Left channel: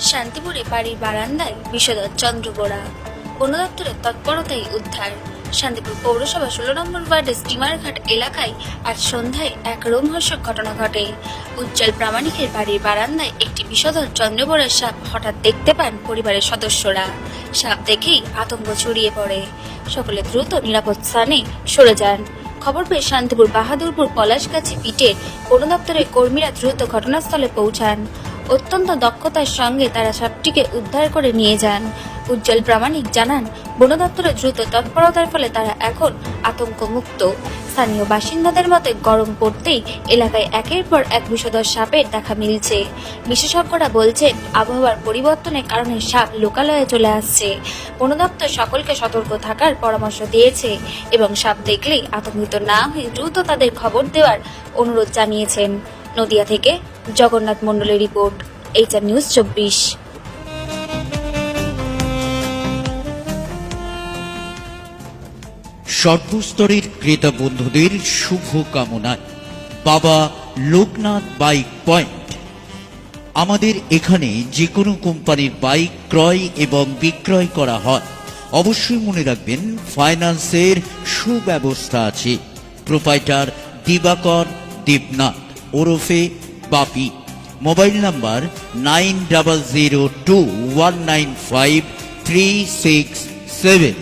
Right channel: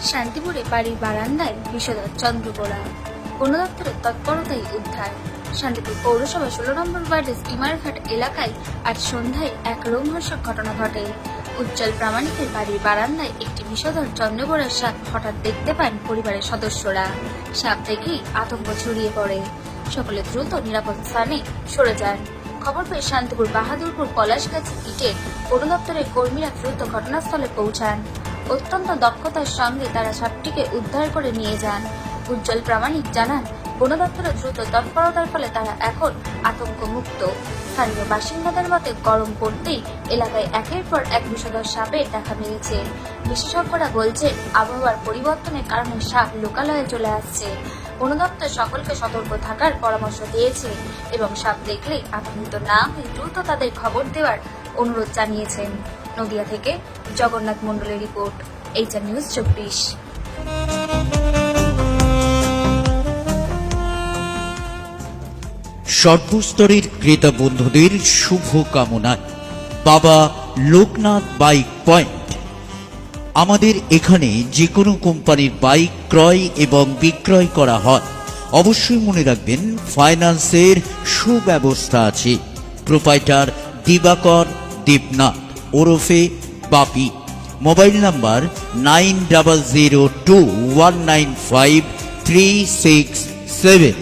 শান্তিপুরে বাড়ির বারান্দায় বিষধর চন্দ্রবোড়া বন দপ্তরের তৎপরতায় উদ্ধার। শান্তিপুর পৌরসভা ষোলো নম্বর ওয়ার্ডের স্টিমারঘাট এলাকায় আজ সন্ধ্যায় এক রোমহর্ষক ঘটনা ঘটে। উজ্জ্বল প্রামাণিকের বাড়ির বারান্দায় একটি বিষধর চন্দ্রবোড়ার সাপ হঠাৎ দেখতে পান পরিবারের সদস্যরা। সাপ দেখেই আতঙ্ক ছড়িয়ে পড়ে। সকলে দ্রুত নিরাপদ স্থানে সরে যান। খবর পেয়ে শান্তিপুর বাহাদুরপুর পলাশগাছি পিটের বন দপ্তরের কর্মীরা দ্রুত ঘটনাস্থলে পৌঁছান। অত্যন্ত দক্ষতার সঙ্গে তারা সাপটিকে উদ্ধার করে নিয়ে যান। উজ্জ্বল প্রামাণিক জানান বন দপ্তরের দ্রুত তৎপরতার ফলে তারা এখন আতঙ্ক মুক্ত স্থানীয় বাসিন্দাদের মতে গরম পড়তেই এলাকায় একের পর এক বিষধর সাপের দেখা মিলছে। বিশেষজ্ঞরা বলছে আবহাওয়ার পরিবর্তনের কারণে সাপ লোকালয়ে চলে আসছে। বন দপ্তর সকলকে সতর্ক থাকার পরামর্শ দিয়েছে এবং সাপ দেখলেই আতঙ্কিত না হয়ে দ্রুত তাদের খবর দেওয়ার অনুরোধ জানিয়েছেন। নদিয়া থেকে জগন্নাথ মণ্ডলের রিপোর্ট, এইচআর নিউজ চব্বিশ। সর্বস্তরের ক্রেতা বন্ধুদের শুভ কামনায় বাবা লোকনাথ বাইক পয়েন্ট। আমাদের এখানে যে কোনো কোম্পানির বাইক ক্রয় এবং বিক্রয় করা হয়। অবশ্যই মনে রাখবেন, ফাইন্যান্সের সুব্যবস্থা আছে। প্রোপাইটার দিবাকর দেবনাথ। ওরফে Bapi. Mobile number nine double zero two one nine five three six seven.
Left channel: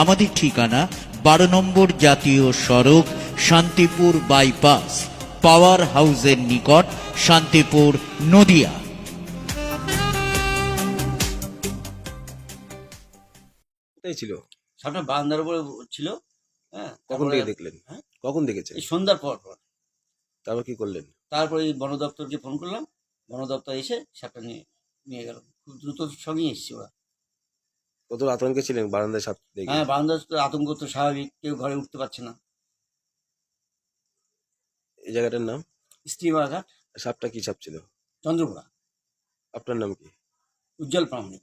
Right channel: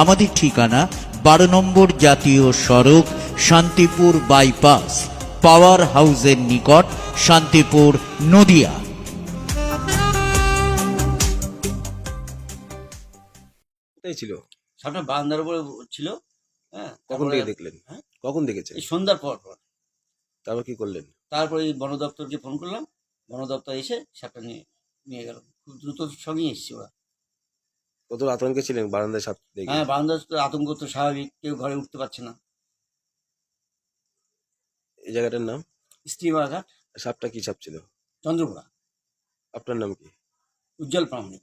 আমাদের ঠিকানা বারো নম্বর জাতীয় সড়ক শান্তিপুর বাইপাস পাওয়ার হাউসের নিকট শান্তিপুর নদিয়া। কোথায় ছিল? সামনে বারান্দার উপরে ছিল। হ্যাঁ কখন থেকে দেখলেন? হ্যাঁ? কখন দেখেছেন? এই সন্ধ্যার পর পর। তারপর কি করলেন? তারপরে বন দপ্তরকে ফোন করলাম। বন দপ্তর এসে সাপটা নিয়ে নিয়ে গেল। খুব দ্রুত সঙ্গেই এসছে ওরা। কত আতঙ্কে ছিলেন বারান্দায় সাপ দেখে? হ্যাঁ বারান্দার তো আতঙ্ক তো স্বাভাবিক কেউ ঘরে উঠতে পারছে না। এই জায়গাটার নাম? স্ত্রীবাঘাট সাপটা কি সাপ ছিল? চন্দ্রপুরা। আপনার নাম কি? উজ্জ্বল প্রামাণিক।